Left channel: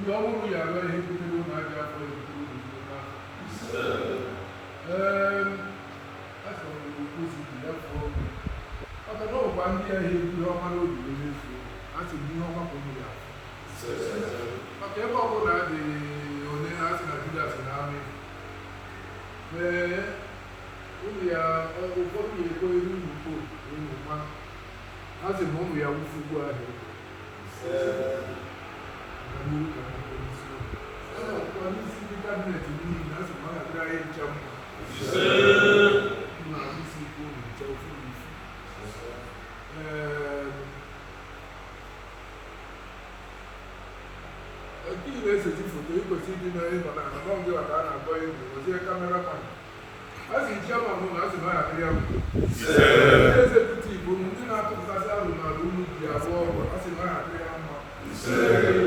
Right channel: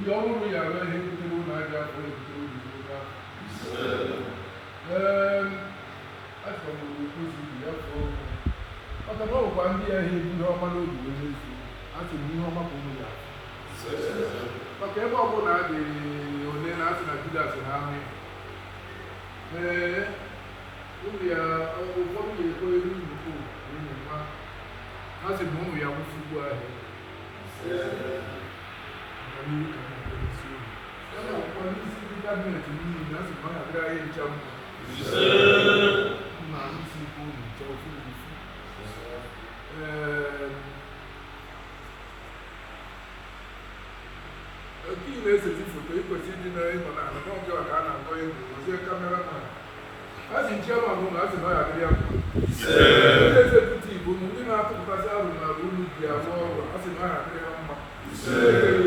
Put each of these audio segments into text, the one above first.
ihe ọ bụrụ ya alụọ ihe butere ụlọ aja afọ ya butere ụlọ ezigbo afọ achọrọ m ozi ya fọọ maka na ọgwụkwa ndị ahịa ebu ihe ọhụrụ obi were efu achị m ihe ọma bụ mmiri maka ebe ọ bụla dị onye na-asị na Judas na amị ụmụ ya ụfọdụ ya ekwe elu nnukwu ụmụ ha sị na ụmụ ya wụfugbu ahụ maka n'ihi ka na polisi ụlọ a na-akwụkwọ n'isi ndị kabinet n'ihi na asị ma ọ na-adịrị anyị ncha mma isi ikwu ụlọ ncha ofu isi Ọkị na-eseti foto ikwesị ịdị na ịnọ na akụkọ gị ọka a na-akpọ egwu ozie kamera man a sị nchiọma bụ na a sị na ọ ya karịa ezekutiv bụ ndị na-atụpụtasị arụ na arụ unu ji arụ ọrụ a sị na ọ ya karịa mma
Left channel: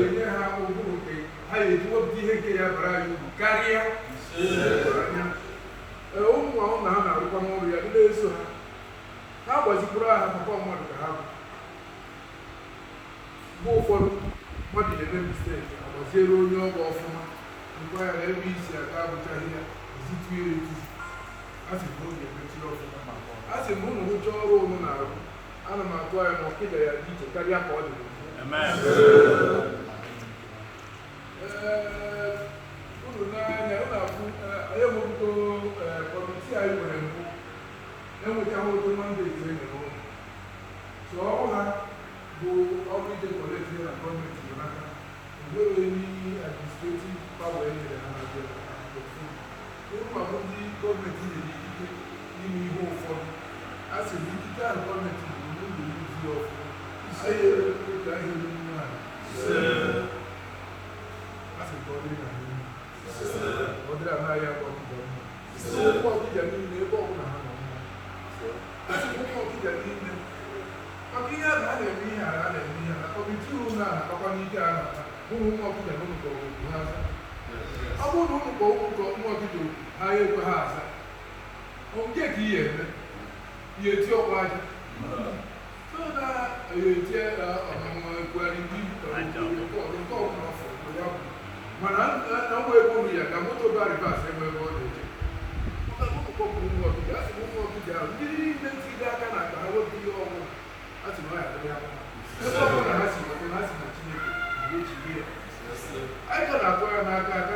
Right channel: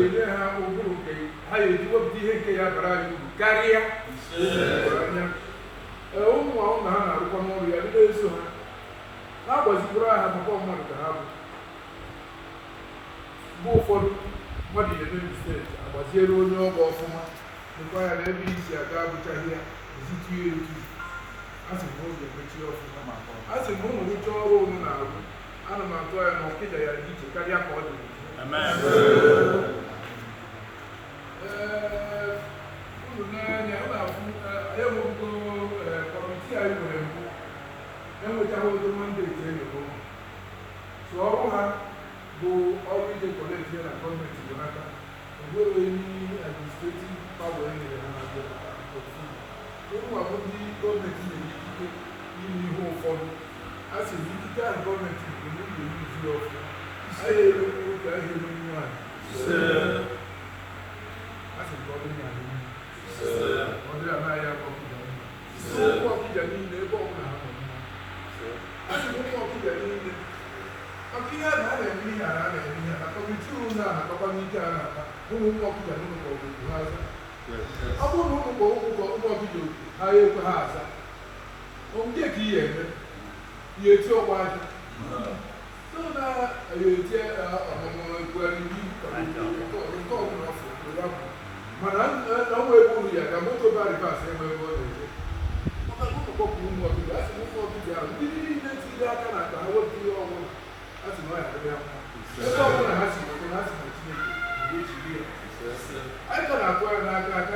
enye ha ụbụrụ nke ha ya eji wepụta ihe nke ya bara anyị uru karịa anya ụmụ ọhụrụ na ha na-arụkwa n'ọrụ ya ndị na-eso ha na-agbazikwuru ha maka ọmụrụ ka ha bụ ụfọdụ mmadụ ga-emebi steeti agbaziere onye ọgọ ọfụma nkwa ya na ebe isi aga abụchaghị ya ezitu ya etu a sị na oge emechi ọfụma a sị na ụmụ rụcha ọrụ ụmụ na-arụ ana m atụ anya na ọkịda ya dị iche karịa ka ọ dị uru n'anya ọ na-abụ enwebugo kọmitii anyị nwere mbụ enwechaghị odo mandeti enyoro so ọrụ ha bụ ọrụ ide kọleji na gọọmenti bụ n'aka enwere enyi administrativ pawa enyere ha na ofu ịbụ ọrụ ndị gọọmenti nyere ikike ime ihe ụfọdụ a sị na ikike ahụ gọọmenti bụ ndị ga-emezu ọfụma anyị erekwu oge ahụ elu nwaanyị a sị ka ọ dịrị na anyị ọ dịrị amaghị aka ọkịja ụmụ ọkịja niile ebe ọbụla ha nọ mma a sị na ụmụ ọkịja niile maka ihe a na-eme ihe a na-eme ihe na kọmiti uru na-anakpakwa n'ike a na-akpa ụmụ ụmụ ọkịja na ụmụ kọrọ okwu ha aza ọ bụrụ na ụmụ kọrọ okwu ka ụmụ ọkịja okwu ha ekwe ha aza nke ka ihe eme ihe eti ọgba aja so na ya eti ọmụmụ ekwugharị ndị iwu ka nke ọbụla ọfụ ya bụ mana na nwa ebe ụlọ ya ga moto ba rivas enwe ebe